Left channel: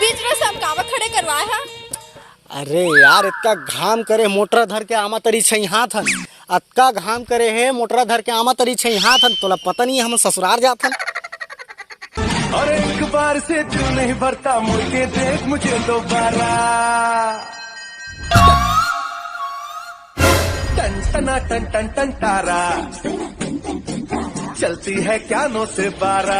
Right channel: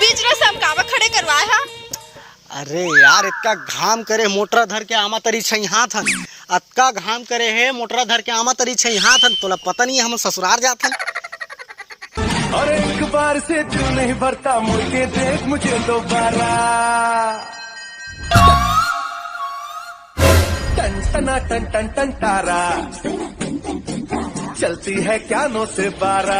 बीच में सब कावा खड़े करवाए हा? अरे यार इतना घाम करे मोटर धर के आमा तरी छैहा था। अक्का घाम करे है मोटर धर के आमा तरी छैहा था। तोला पता नहीं हम ससुराल जाथन। और एक बार से तू नहीं भरता मुड़ के देख मुझे दोबारा। टन टना टन टन टन तारा चलती है क्या 9 से 12।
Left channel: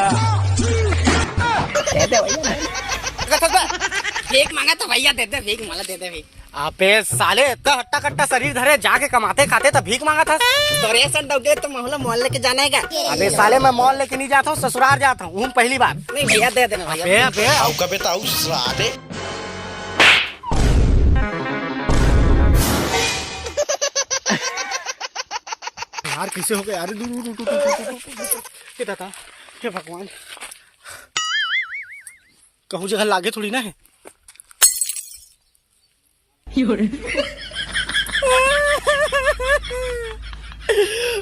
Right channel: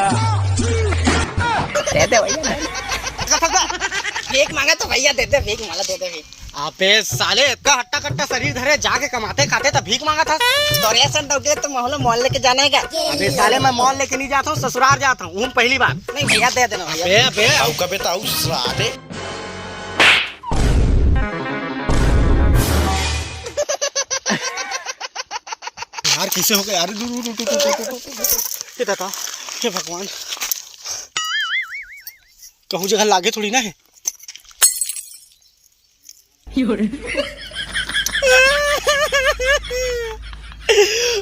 फेंक मांगा तो भैया देते भीख माला देते भीख। अबे साले इतना हट्टा कट्टा शरीर धरे जाके कमाते खाते तो भीख मांगा था। दौरे से दोगे तो मॉल लेके जाना है क्या? अबे साले मैं मॉल लेके नहीं जाता हूँ, ससुराल जाता हूँ पहली बार। नहीं भैया दे देना। अबे आओ कबे ताऊ साले। यार किसे हो गया यार? ये दादा हे भगवान, कहूँ जगह लागे थोड़ी ना है।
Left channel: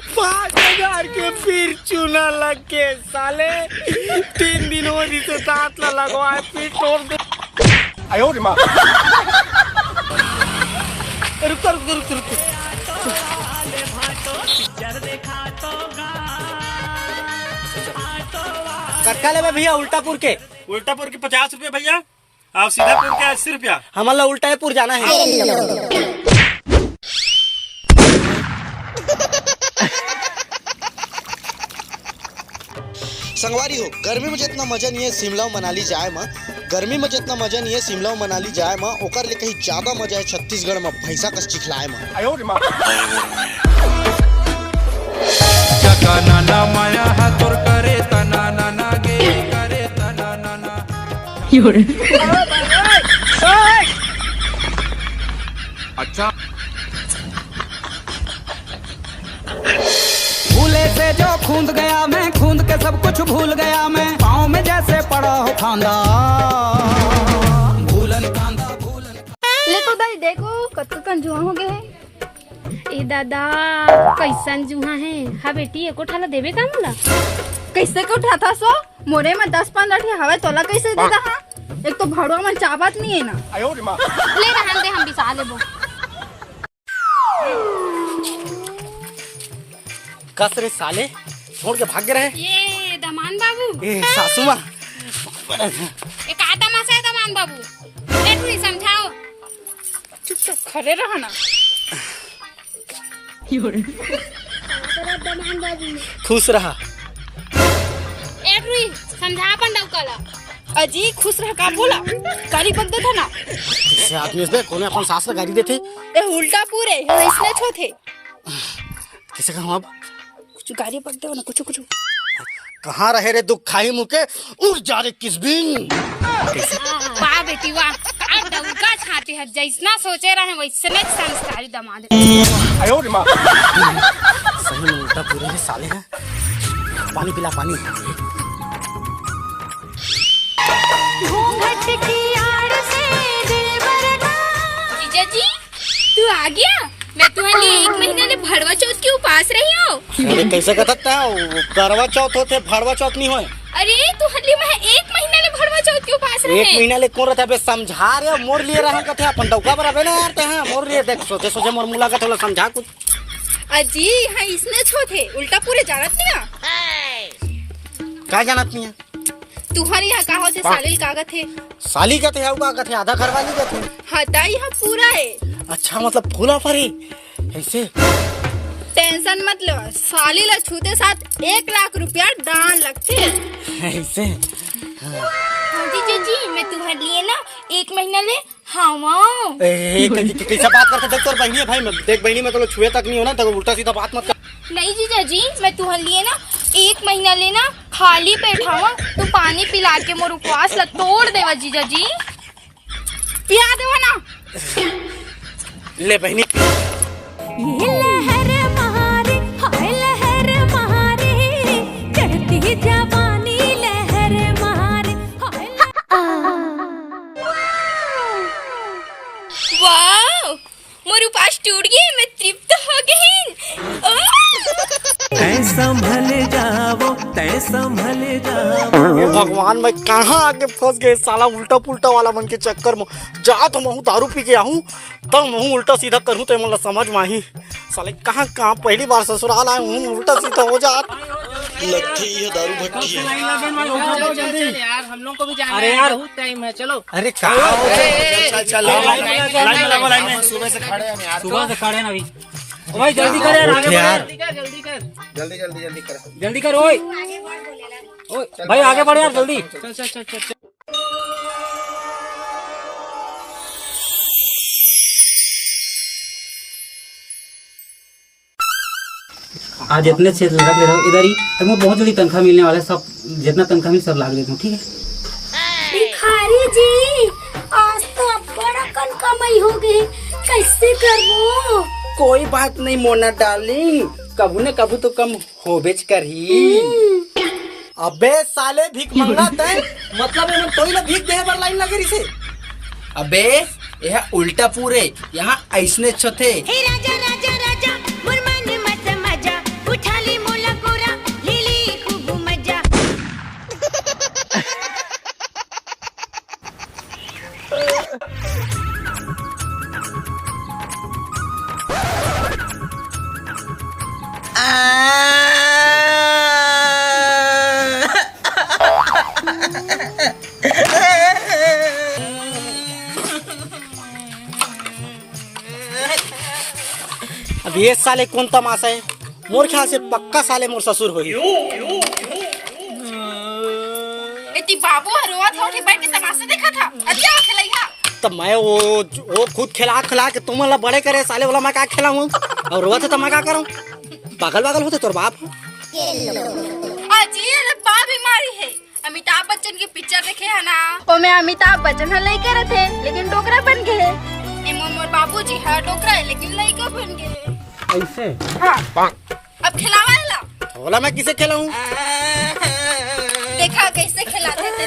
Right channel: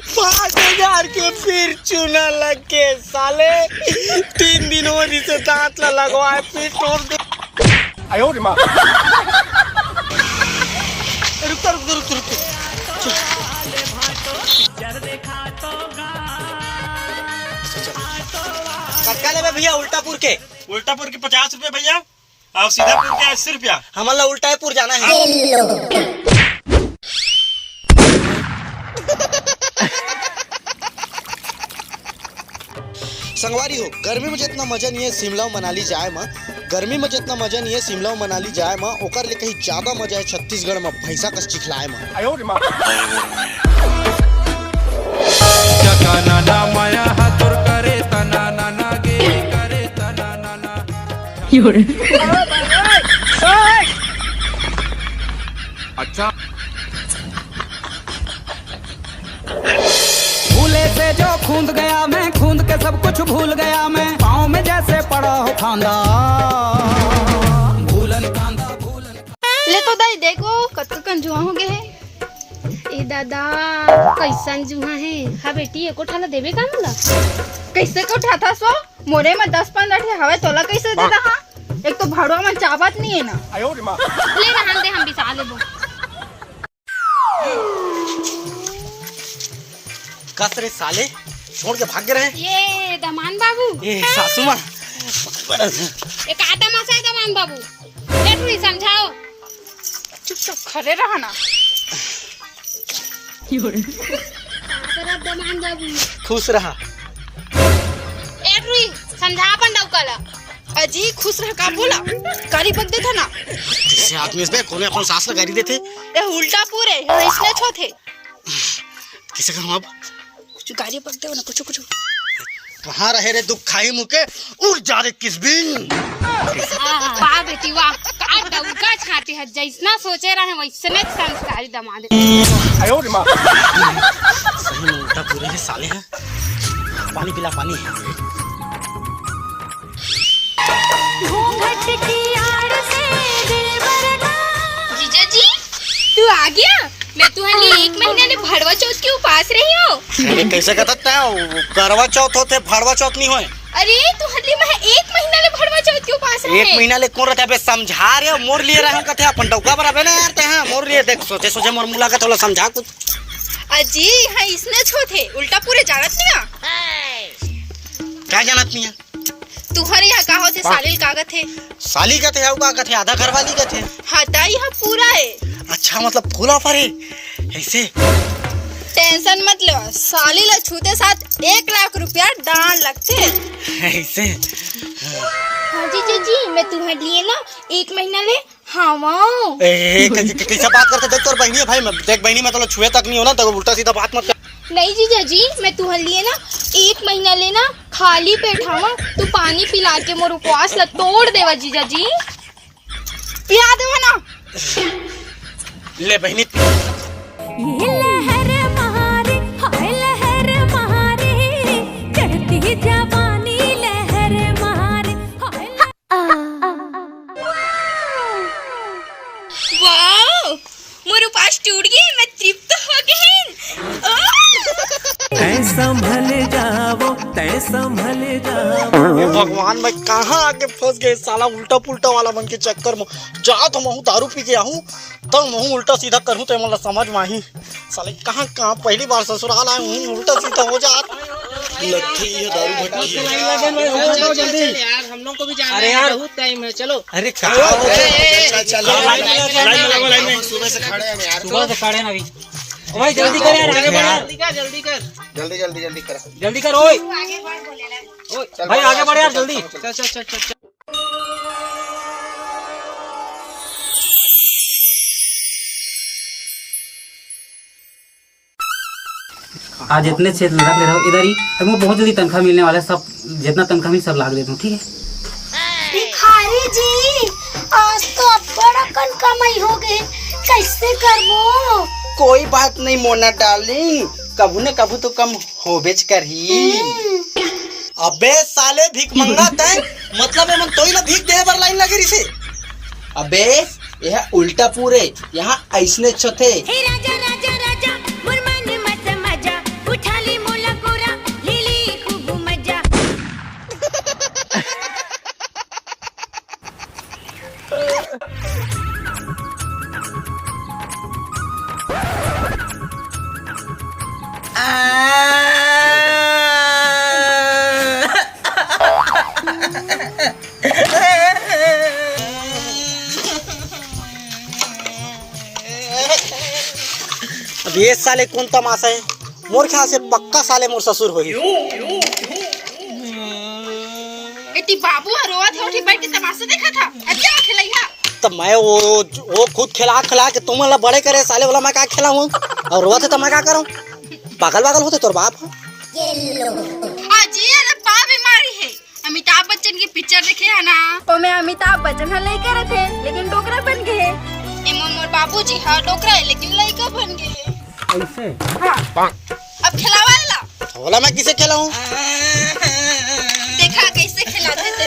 5,000 के फिर चूना लग के साले 3 दिनों से दांत लगवाए फिर तोड़ दे। आयो रे माँ। रुक रुक रुक रुक। कटका ले भैया उल्टापुर के। उल्टापुर के 50 रुपए भैया। आप सीधापुर के 80 रुपया। हमारा उल्टापुर जाना है। संगवारी हो, गर्मी में जितना मजा नहीं है शिमला मनाली जाए माँ। गर्मी में जितना मजा नहीं है शिमला मनाली जाए माँ, ओकर ले कहीं ज्यादा मजा है छत्तीसगढ़ में भैंसा कस चिखलाए माँ। आयो रे माँ। चका नाना माया हाथोर करे तना नाना गे करे तना नाना। अच्छा भूले से जो खूंद गया मैं, खूंद के सब कुछ भूल गया मैं। पाँव में जैसे पड़ा हो खांदा भूलन कांदा भूलन। ले तो दाई देखो कत्तो कंजुआ हो गए है। ए दादा कैसन जुहा है? हाँ बेटी एको ठाला देवे का मोला? कैसे को उठाता सो? मोरे में 10-15 ठे हवे तोला कैसे दे दा? एक तो भाड़वा में चावत नहीं है ना। आयो रे माँ। ले रहन दे, हम बिसा लेबो। कस रे साले छोड़ के भाग रहे हैं। ये दमान बाबू। ए सासू माँ। एक आदम से दमान बाबू। एक भी समझाओ। चुपचाप खड़े रहना। दमान बाबू। खुश रहा। एक भी समझा अपन डौकाला। अजी खुश रह का बोला? गाड़ी बग देता ना। इससे आदमी से कोने अपन सास का गाड़ी देते। ये उल्टा पूरे इसने छोथे। किसे कहूँ अब? कुछ गाड़ी पक दे ना कुछ। कहाँ रहे रे दुख खाई मुके उड़ जा रे किसबिन। वाह बेटी वाह, का डंका छाते है जैसना सोचे रहे वैसने संस्कारी दामाद। आयो रे माँ। सही में उल्टा पूरे है साले हैं। पानी पिला पानी। घूंघट की आड़ से दिल भरना। जीजा जी तू आ गया? मैं तुम्हारे 1 महीने ले भड़वा चौथ के उपास रही हूँ। अरे कैसे कहता है करवा चौथ होते भड़वा चौथ नहीं होए। अरे तुम्हारे मैं 1 महीना ले भड़वा चौथ के उपास रही। 1 महीना ले कौन रहता है? समझा रहे मोर लिए रहा कथे अपन डौका बराबर ना यार। हैं मोर लिए देख सोचे मोर मुला का थोड़ा समझा कुछ। अजी हाँ इसने छोथे उल्टा पूरे जानत नहीं क्या जानत नहीं है? तुम्हारे यहाँ का होते सालिल कागज है। साली का थे का कथे आधा घर वाली का थे। हटा यहाँ पूरा है। अच्छा मतलब फूला फरे ऐसे। टेंशन मत लो, साली ला छूते साथ 1 लाख रुपया दान लगते ऐसे। जी मैं तुम्हारे लिए ना 1 महीना ले हाँ कैसा बात करते देख तोर बहनी है भाई। मैं देख बहनी में तो छुए तक नहीं होना तो उल्टा सीधा बात मत कर। नहीं जीजा जी मैं तुम्हारे लिए ना 1 महीना लेना खाली पेट हवा तो पानी पिला के मोर उपवास ला तोड़ देवा जीजा जी। पिला देवा ना। ले बहनी। ये लहर महारे हाय लहर महारे चढ़ती जवानी लहर महारे हाय। वाह मोर उपवास टूट गए, मैं तृप्त हो गई। तै संभल जाओ तै संभल जाओ। भगवान मैं कहाँ आके फंस गए साला उल्टा पुल्टा वाला मन के चक्कर में। जा तो मैं दारू पी के आऊँ तो मैं उल्टा सीधा करूँ तो मतलब समझ में आई। साले कहाँ कहाँ पहली बार ससुराल आए हूँ उल्टा सीधा हो जात। लगती है दारू भट्टी है। अरे यार टाइम है, चलो। अरे सुबह से खड़े हैं अभी। भाई जल्दी कर यार, आगे बढ़, जल्दी कर, जल्दी कर ओए भाई, आगे बढ़ यार जल्दी। चल। आज इतने से रख ले रहा हूँ इधर ही, हमको बहुत जल्दी तनख्वाह मिलने वाला है। सब जितना तनख्वाह मिल सब लाग देता हूँ, ठीक है? भिखारी जी, आज तो बड़ा कन कमाई हो गई, कैसे करो? कोई बात नहीं मोना डार्लिंग, कबू न कबू तो कम हो बेच कर ही। अबे साले भीख मंगा तय मतलब है मन तोई ला भीख दे बर लाइन लगे रिसे। अबे यह उल्टा पूरे यहाँ ऐसने छथे। हे राजा राजा राजा, मुरमन मत मजा, उठा ली मोला कोरा, ले ली खूब मजा। अब ये साले कौन तमाशा है? मोर ख्याल से पक्का साले मोर ससुर होई। इतनी बाबू रोवत हो कि बैठ तमाशा देखा था। अच्छा खिलाइया तब मैं वो खुद खिला के तुम ला बड़े करे साले वाला मैं क्या खिलाऊं और रोवा थे तो मैं क्या करूं? पागल होते तोर बाप। अजी अरे बा बीमारी है। अमिताभ बच्चन की पिक्चर देखे है ना? वो में अमिताभ बच्चन है लड़का रहे लेकिन डोकरा बन गए। मोर बाबूजी हाँ डोकरा है लेकिन लड़का बन गए। ऐसे हाँ। अब खिलावा ला। बोला मैं किसे खिलाऊं? देखा कैसे खिलाते थे।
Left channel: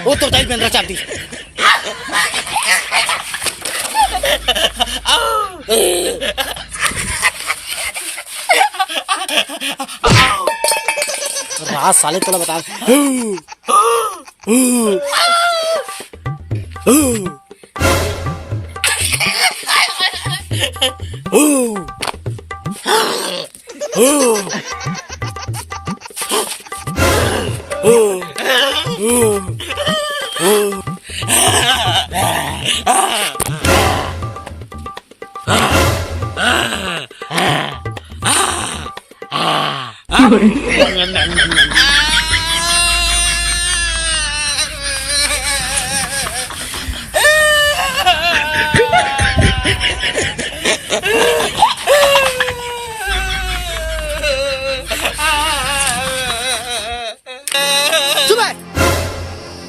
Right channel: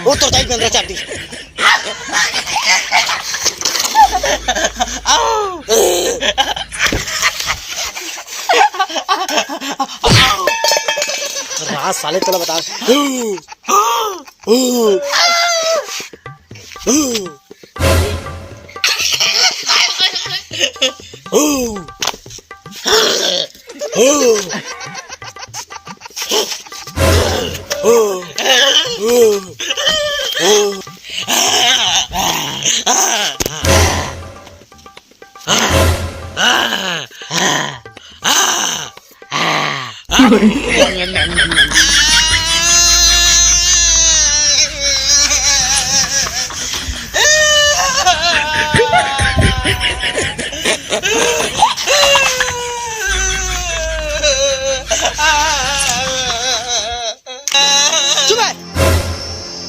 वो तो टाइट में चाहती। रात साले चलो बता।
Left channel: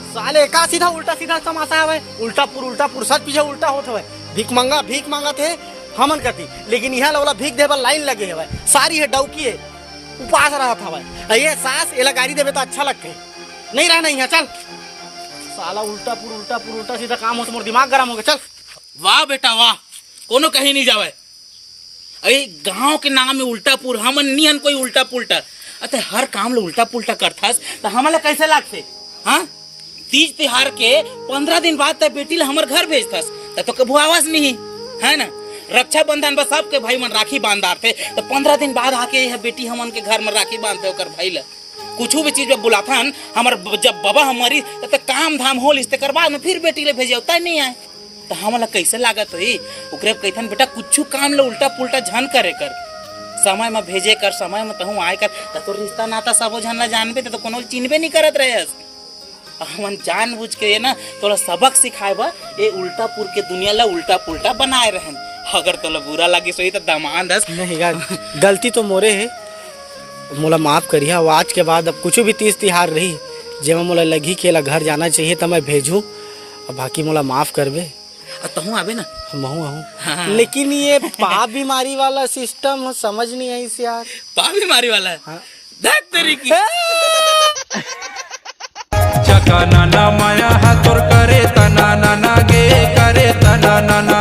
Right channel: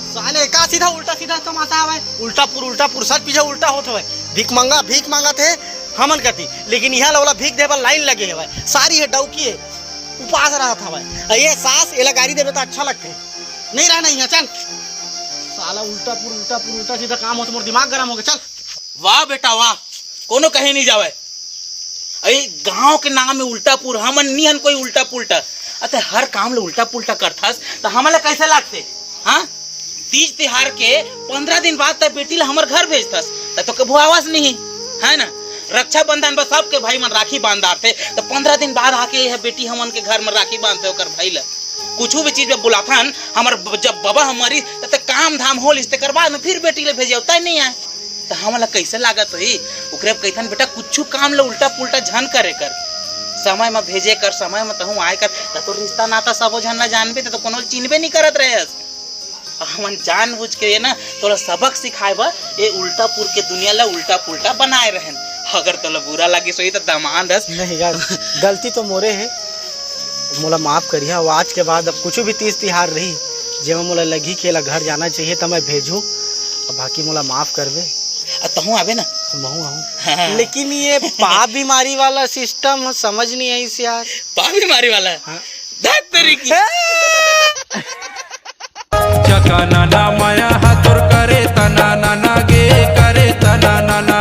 साले का सीधा उल्टा सीधा तमाशा है। उल्टा पुर सच पीछे उल्टा होता है। भीख मांगा थे हमन करती लेकिन यहाँ वाला भीख दे पर लाइन लगे है। सारी है डौकी है उपास रहा था भाई। ये सास एला गाड़ी देवे तो अच्छा लगते नहीं रहना यहाँ। चल साला उल्टा पुर सीधा काम हो तो मोर दिमाग गरम हो गया। चल वाह बेटा वाह, कोनो कहीं नहीं जावे। अरे गांव के नाम में उल्टा पुर हमन निहन कोई उल्टा पुल्टा। अते हर काम ले उल्टा पुल्टा करथस तो हमले कैसे लागते? हाँ तीज त्योहार के 15 दिन बाद तक बेटी ला हमर घर भेजथस तो कभू आवाज नहीं है ना। रक्षाबंधन बस सबके भाई मन राखी बांधार थे तो 15 दिन बाद आके यह बेटी हमन के घर में राखी बांधते ओकर भाई ला। कुछ भी चीज में बुलाथन हमर जब बाबा हमारी तो काम धाम होल इसके कर बाद में फिर बेटी ले भेजे होता ही नहीं आए तो हमला कैसे लागत होई? ओकरे कहथन बेटा कुछ काम ले उल्टा पुल्टा झन करे कर, समय में भेजे कर, समय में तहु आए कर तो रिश्ता नाता सबो झन ना जानबे तो कोनो चिन्हबे नहीं करत रहेस। हमन जानबूझ के ना तोला सबक सिखाएबा ए उल्टा पुर के दुनिया ला उल्टा पुल्टा बनाए रहन। अगर तोला बुरा लगे सोई तो दमान दस नहीं यार गलती तो मोरे है, मोला माफ करिए। आज के बाद अब कुछ भी तीज तिहार रही जे मोला लगी के ला घर जाना चाहिए तो मैं भेजू, बाकी मोला माफ करबे। तहु आबे ना लेकिन ये पा बीमारी वाला सिस्टम समझ नहीं आई इस यार। पा बीमारी वाला देख तेरी की चका नाना माया हातोर करे तना नाना गे करे तना नाना